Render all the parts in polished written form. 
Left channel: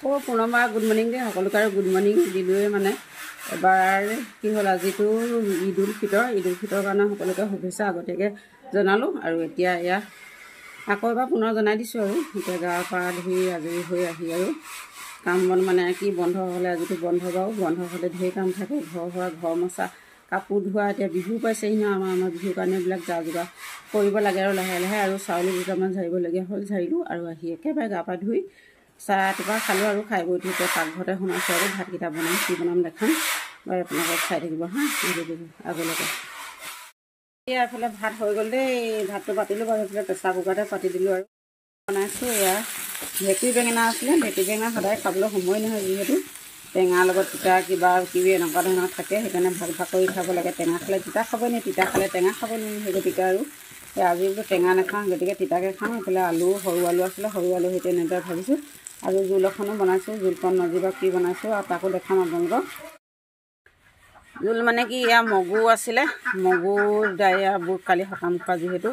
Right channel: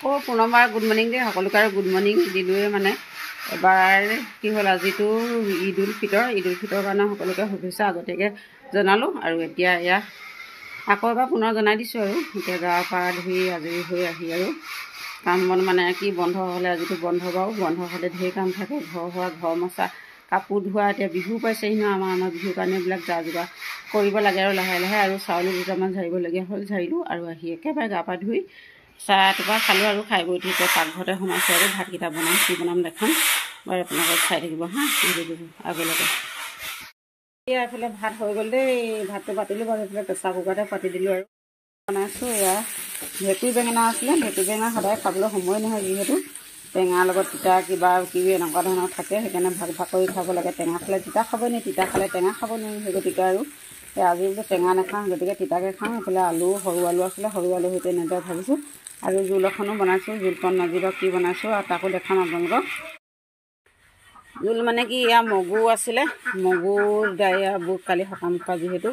আকৌ পুনৰবাৰ good morning দেই সকলোকে আৰু গুড মৰ্ণিং দিলোঁৱে মানে এবাৰ কি হ'ল আজিতো ঈদ উল ফিতৰৰ কাৰণে সকলোকে শুভেচ্ছা আগতীয়াকৈ জনালোঁ আৰু এতিয়া এয়া আকৌ এবাৰ পুনৰ জনাই দিছোঁ আৰু এতিয়া গা পা ধুই আজৰি হৈ আহি আৰু কাম বন মানে কি বন্ধ হ'লে আজিতো বন্ধ বাৰু বন্ধ হ'লে ঢেৰ কাম থাকে ঘৰ হোৱা ঘৰ মচা কাপোৰ ধোৱা এতিয়া বিহু পাইছেহি ন আমাৰ বিহুৰ কাৰণে এইবিলাক যা যোগাৰ কৰিব লাগে আৰু লাহে লাহে আৰু চাউলো দুটামান ঝাৰিবলগীয়া হ'ল ঝাৰিলোঁ আৰু আহি একেবাৰে গা পা ধুই চাহ এটোপা খালোঁ আৰু খাই বৈ উঠি এতিয়া পাকঘৰতে সোমাইছোঁ আৰু ভাতকেইটা বনাম কি বনাম দেখাম বাৰু আপোনালোকক চাই থাকিব হা আগলৈকে এতিয়া এইফালে ভাত হৈ গ'ল দেই ভাতটো পাতিলোঁ বাৰু এইফালে প্ৰেছাৰ কুকাৰতে পাতি দিলোঁ আৰু বনাইছোঁ এয়া ভেকুৰী বেঙেনা আছিলে ভেকুৰী বেঙেনা সদায় খাবলৈ সময় নহয় যিহেতু টেঙাৰ লগত তিতা কিবা কিবি এনেকুৱা ধৰণৰ থাকে সেইকাৰণে ভাগ ভাগ কৰি খাব লাগে টেঙা খালে তিতা খাব নি তিতা খালে টেঙা খাব নোৱাৰি সেই গতিকে আৰু আজি বোলো টেঙা নাখাওঁ গতিকে তিতাকৈ খাওঁ এইফালে আলু সৰু আলু আছিলে সৰু আলু সৈতে এনেদৰে ভাবিছোঁ আৰু জোল এখনো বনাইছোঁ জোলকণ নাজিবা কি বনাইছোঁ আৰু তাকো দেখাম আপোনালোকক জোল মানে কি এয়া মগু আছিলে মগু এয়া বুট কালি সকাম খোৱা যিহেতু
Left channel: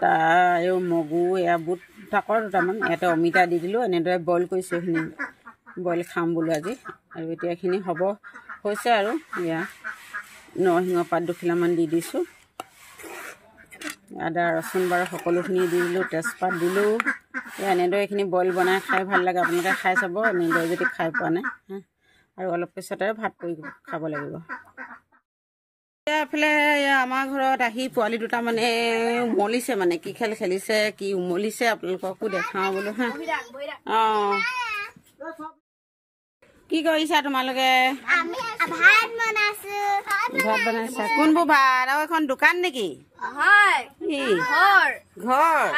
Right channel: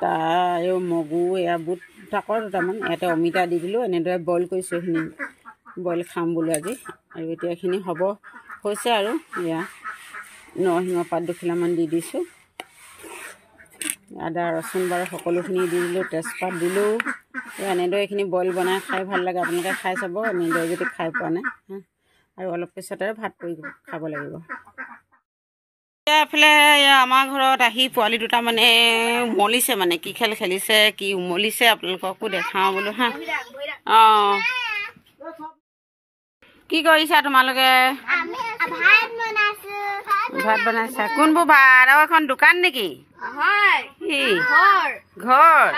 তাৰ মগু এয়া বুট তাকৰ দুটামান ইয়াতে অমিতা দি দিলোঁ এনেদৰে বইল কৰিছোঁ এইখিনি বইল খাম বোলো আজি আৰু এতিয়া এইখিনি হ'ব হৈছে আৰু এয়া নৰসিংহ পাত দুখিলামান দি দিছোঁ আদা ৰচুন বাৰু সকলোখিনি দি দিলোঁ তেজপাত দিলোঁ এনেদৰে এইখিনি বইল বনাই খাই ভাল লাগে আপোনালোকে খাই চাব এনেদৰে যদি খাই পোৱা নাই আৰু অলপ পিছতে ভাত কৰি খাব লাগিব এফালে আমাৰ ঘৰত আহি পোৱালি দুটা মানে উমলিছে মানে কি খেল খেলিছে কি উমলিছে আপোনালোককো দেখাওঁ বোলো হা অঁ কি কৰিছা তোমালোকে ভাত বনাইছা কোনবোৰ ভাত আৰু এখন দোকান নেকি ঘৰ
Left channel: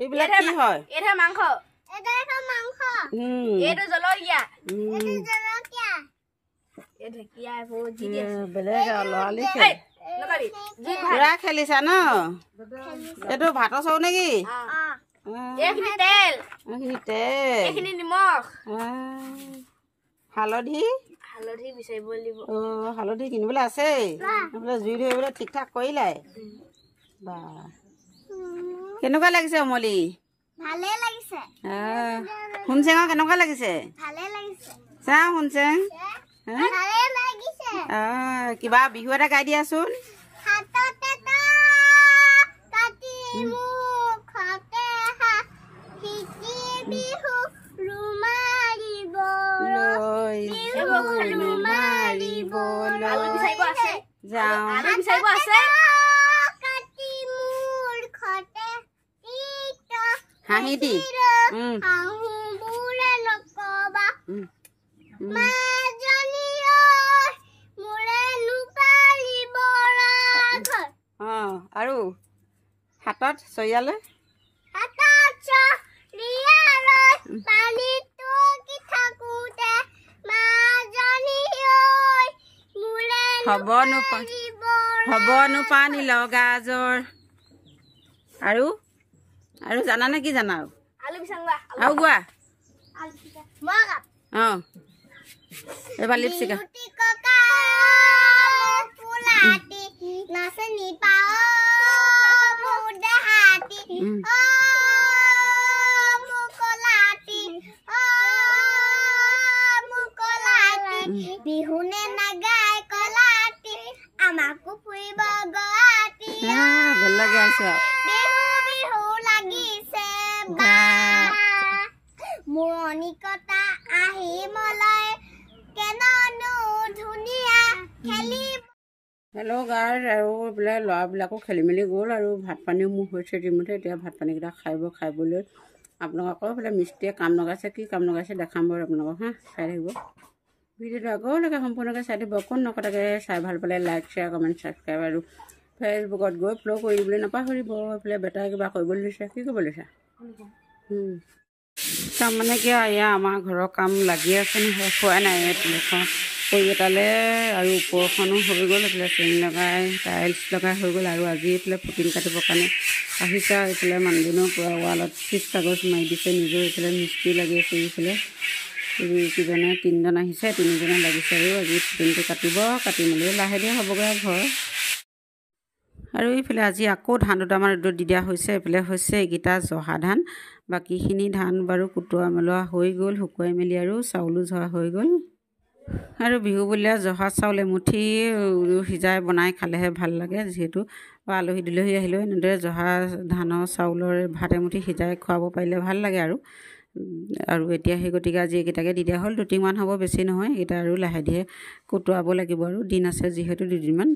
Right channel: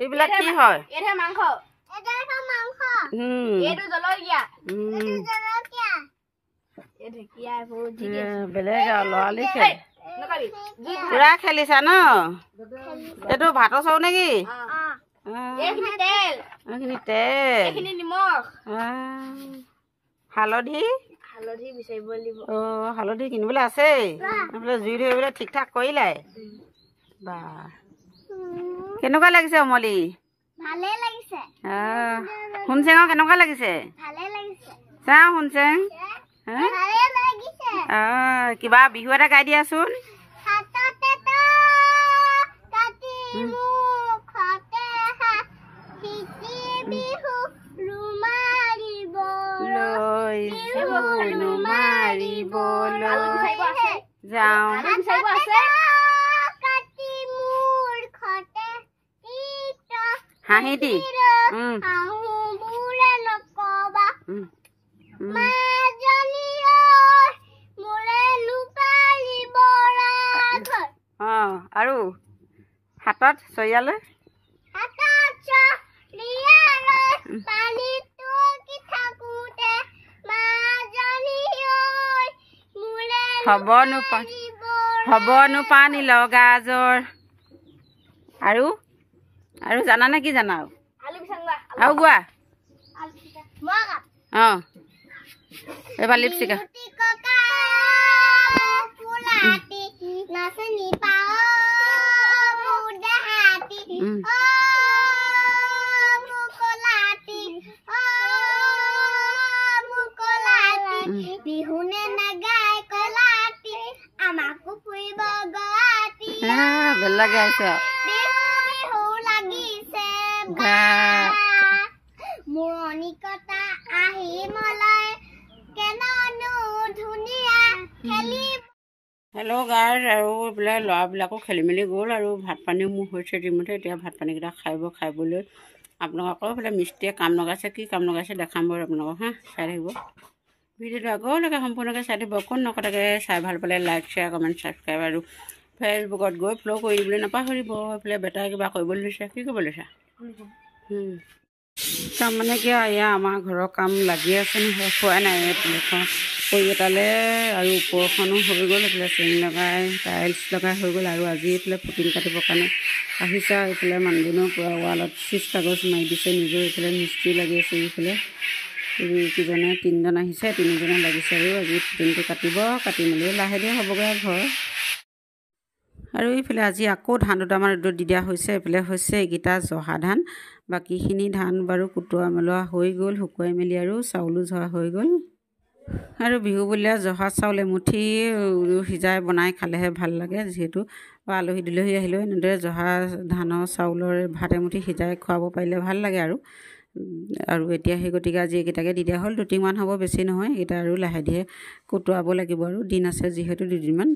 এইবিলাক কি হয় বেলেগ আৰু লৰালি খেল পুৰা খেলিছা ন এইটো ভাতৰ চৰু নেকি হালধি হালধি কিনিবলৈ আছেই জুই ধৰিবলৈ ঠিক ঠাক কৰিলাই বা কেনেকুৱা লাগিছে উমলি শুনচেঙৰ কেনেকুৱা লাগিছে চাওঁ শুনচেং কিবা বিহু এটা গাই দিয়াচোন হাঁহি দি আৰু হাতত চৰিয়ালৈ হ'বনো পানী লগা জ্বৰ আৰু আৰু জানানে কি জানা আৰু গোৱা অঁ এইবাৰ লিপষ্টিক বিহুনে নাগাই কলাতি আমাকো ফুৰিব গৱাতি বেলেগ গাইছে বিহু বিহু লাগিছে মনিকতা আহি মলাই কেননো ধুনীয়া খেলি হেল্ল' গাইজ আৰু এইফালে ল'ৰাবিলাকো খেলি মেলি গ'ল আৰু ভাত পানীও মোৰ হৈছে যিমতে এতিয়া ভাত পানীকেইটা খাবলৈ আপোনালোকৰ এইফালে মিস্ত্ৰীয়ে কাম লগাইছে কি কাম লগাইছে দেখাম বাৰু আপোনালোকক হা চাই থাকিব ভিডিঅ'টো আগলৈকে সম্পূৰ্ণকৈ চাই দিব অকণ নকটাকৈ চাই ভাল পালে লাইক শ্বেয়াৰ কমেণ্ট ছাবস্ক্ৰাইব আৰু ফেচবুকত গৈ ফ'ল' কৰি দিবলৈ নাপাহৰিব এইফালে বেটাই কিবা কৰিবলৈ লৈছে কি কৰিব লৈছা তাৰমানে কি এয়া আমাৰ ঘৰৰ কাম লাগি আছে নহয় খোৱাই নাই এইফালে কৰি এটালৈ আৰু ওপৰখনো হৈ গ'ল এইফালে চেইন লগাই টাইলছ লগাই হৈ গ'ল আৰু আজি এইফালে ফুটিং কাটিবৰ কাৰণে আহিছে এইফালে মানুহজনেও পূৰা ৱালত চিজ কাগজ মাৰি দিছে নিজৰ এইফালে মিস্ত্ৰী লাগি আছে এইফালে কিজনে তিনিজন আহিছে তিনিজনে লাগিছে আৰু আজি ফুটিংটো কাটিব কাটি মেলি লাহে ধীৰে হ'বগৈ ঘৰ আৰু এইফালে আজি আকৌ ধান দুটামান ৰ'দত দি দিয়া হৈছে। এইফালে হৈছে এইকেইটা জহা ধান, বাকীখিনি ধান বাৰু কুটোৱা মেলোৱা হৈ গ'ল, শুকুৱাই মেলি আৰু চাউলো জহা হৈ গ'ল। আৰু বিহু বুলিলে জহা চাউল এমুঠি সিজাই বনাই খালেহে ভাল লাগে, যিহেতু আলহী দুলহী আহিলেও এনেদৰে জহা ধানৰ চাউলৰ ভাত এমুঠি সিজাই খুৱাব পাৰিলে ভাল লাগে আৰু এতিয়া সেই গতিকে আজি এইকেইটাকে দি দিয়া হ'ল। 2 টিংমান হ'ব, বেছি নহয়। এইকেইটা আৰু লাহে ধীৰে কুটোৱাব লাগিব আৰু দিন আছে যিহেতু 2 দিনমান।